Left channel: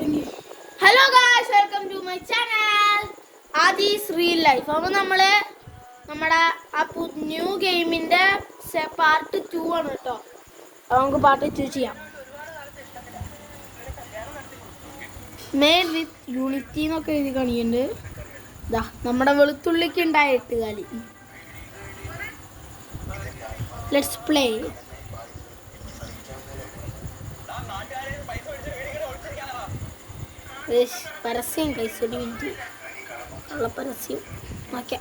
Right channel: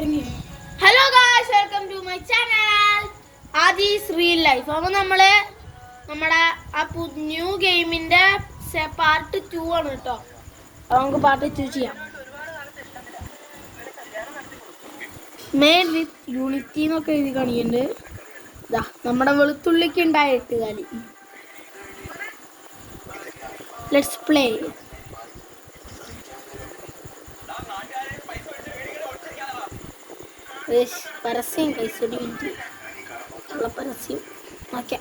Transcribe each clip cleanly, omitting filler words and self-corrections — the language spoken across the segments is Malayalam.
Hello guys, welcome to my channel Aadi's real life. അപ്പോൾ നമ്മുടെ ആ ന്യൂ ഗെയിമിന്റെ പാർട്ട് 2 ആണ് കേട്ടോ. അപ്പോൾ നമുക്ക് പാർട്ട് 2 ചെയ്യാം. മെയ്ഡ് വിത്ത് യൂണിറ്റി എന്നൊക്കെ എഴുതി കാണിക്കുന്നുണ്ട്. ഇതാ നമ്മുടെ വെളുത്തുള്ളിക്ക് ഉണ്ടായ 8 കാലി. Let's play. പരസ്യം കൈസൊടി മിനിറ്റ് ഉള്ള പരസ്യം. ഓക്കെ,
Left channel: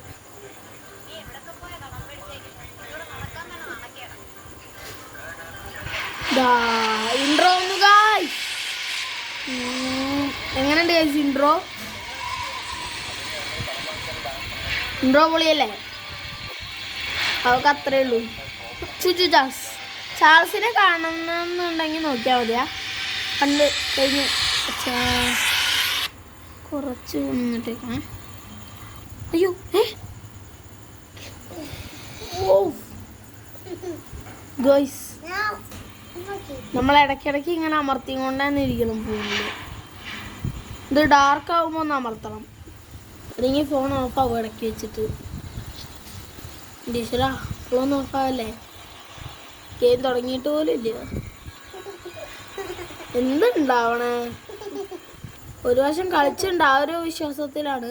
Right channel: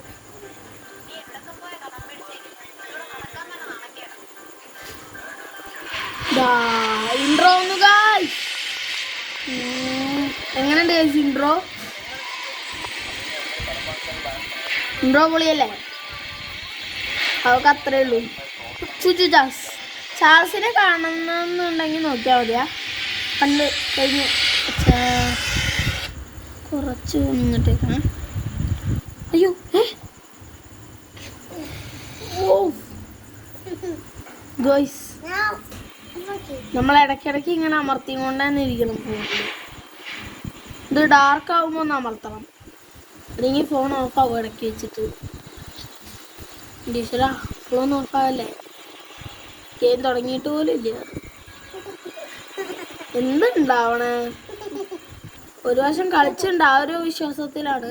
ഇൻട്രോ ഒന്ന് ഗായ്സ്. എങ്ങനെയുണ്ട് ഗായ്സ് ഇൻട്രോ? പൊളിയല്ലേ? അതൊക്കെ അത്രേ ഉള്ളൂ. ചാൾസിനെ കാണുന്നുണ്ടെങ്കിൽ നോക്കിയാൽ മതിയാ. കണ്ട് കഴിഞ്ഞു കുറച്ച് നിന്നിട്ടേക്കാണ്. അയ്യോ, ഗോയ്സ്, നമ്മൾ ഇടയ്ക്കിടയ്ക്ക് ഇങ്ങനെ അമർത്തിയും കൊണ്ട് തന്നെ ഇരിക്കണം ഫോണിൽ. ഇത് ഡാർക്ക് ആകുമ്പോൾ ഒന്ന് അമർത്തണം, അല്ലെങ്കിൽ ഫോൺ ഓഫാകും ഇടയ്ക്ക് വെച്ചിട്ട്. Teacher, phone ഓഫാകല്ലേ? ഗെയിം തുടങ്ങിയിട്ട് പോലും ഇല്ല. എന്തുണ്ടാവണേ? ഒരു പ്രാവശ്യം കളിച്ചിട്ടുണ്ട്, ആ ഒരു വിശ്വാസത്തിലാണ്.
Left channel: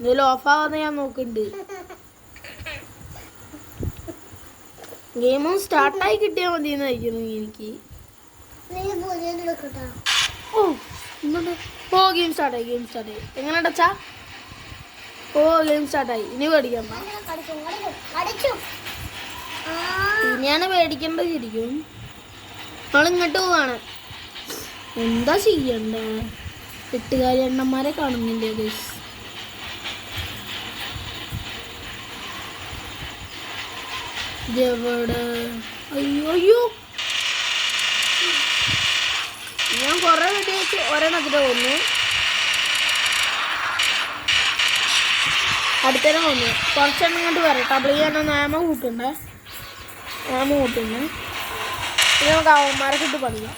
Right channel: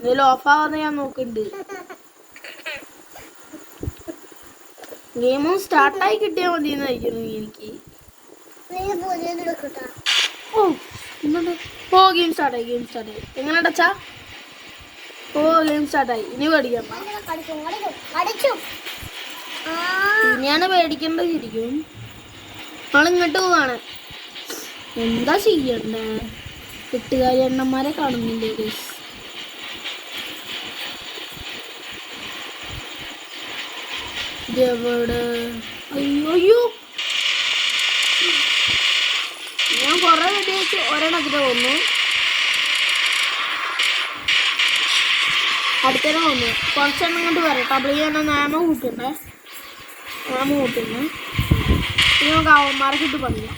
ഇതിൽ ഓഫാവാതെ ഞാൻ നോക്കുന്നുണ്ട്. ഗെയിമും സ്റ്റാർട്ടായി കിട്ടിയാൽ മതി എന്നായിരിക്കുന്നു എനിക്ക്. ഗെയിം സ്റ്റാർട്ടായി. എങ്ങനെ അടച്ചാ? ഗെയിം സ്റ്റാർട്ടായി. ഇനി പേടിക്കണ്ട. ഇനിയാണ് പേടിക്കേണ്ടത് ശരിക്കും. നമ്മളിങ്ങോട്ട് പോവാണ്. എന്താ ചെയ്യണ്ടേ? 8 കാലി എണ്ണന്മാരെ കാണുന്നില്ലേ ഗൈസ്? ഇതെവിടെ? അയ്യോ, ഞാൻ കൊറേ വെടിവെച്ച് ഒരെണ്ണത്തിന് കൊന്നു. അടുത്തേനെ കൊന്നു. കുറച്ചെണ്ണം കൊണ്ട് വരട്ടെ. അപ്പോൾ ഈ എണ്ണം നാമ കൂട്ടുണ്ടേ. ഇനി നമുക്ക് അവന്മാരെ കിട്ടി പണിയാം.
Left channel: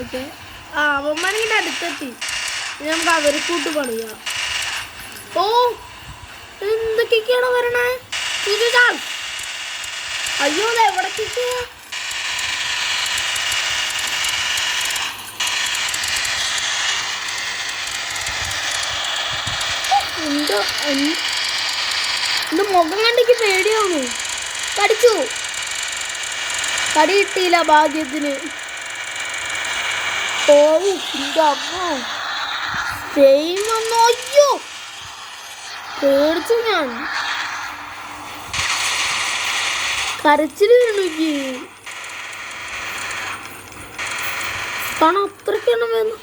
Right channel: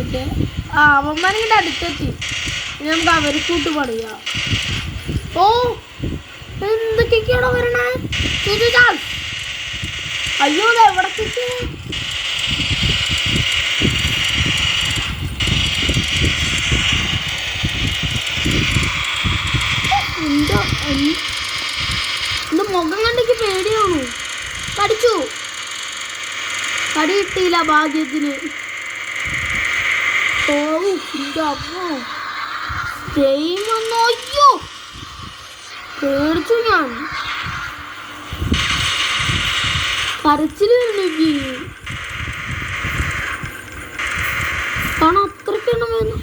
ഓക്കെ, അവന്മാരിങ്ങനെ അടുത്തെത്തി. ഇനി നമുക്ക് അവരെ കൂട്ട് പണിയാം. എന്തൊക്കെയാണോ വരണേ? അയ്യോ, എവിടത്തേക്ക്? എന്റെ മുഖം കണ്ടിക്ക് പേടിയാണു. കടിച്ചു. കടി കിട്ടിയില്ല ഭാഗ്യത്തിന്. അയ്യോ, പേടിച്ചു ഞാൻ. കരച്ചില് വരണു. കാരണം അത്രയ്ക്കാണ് വേണം.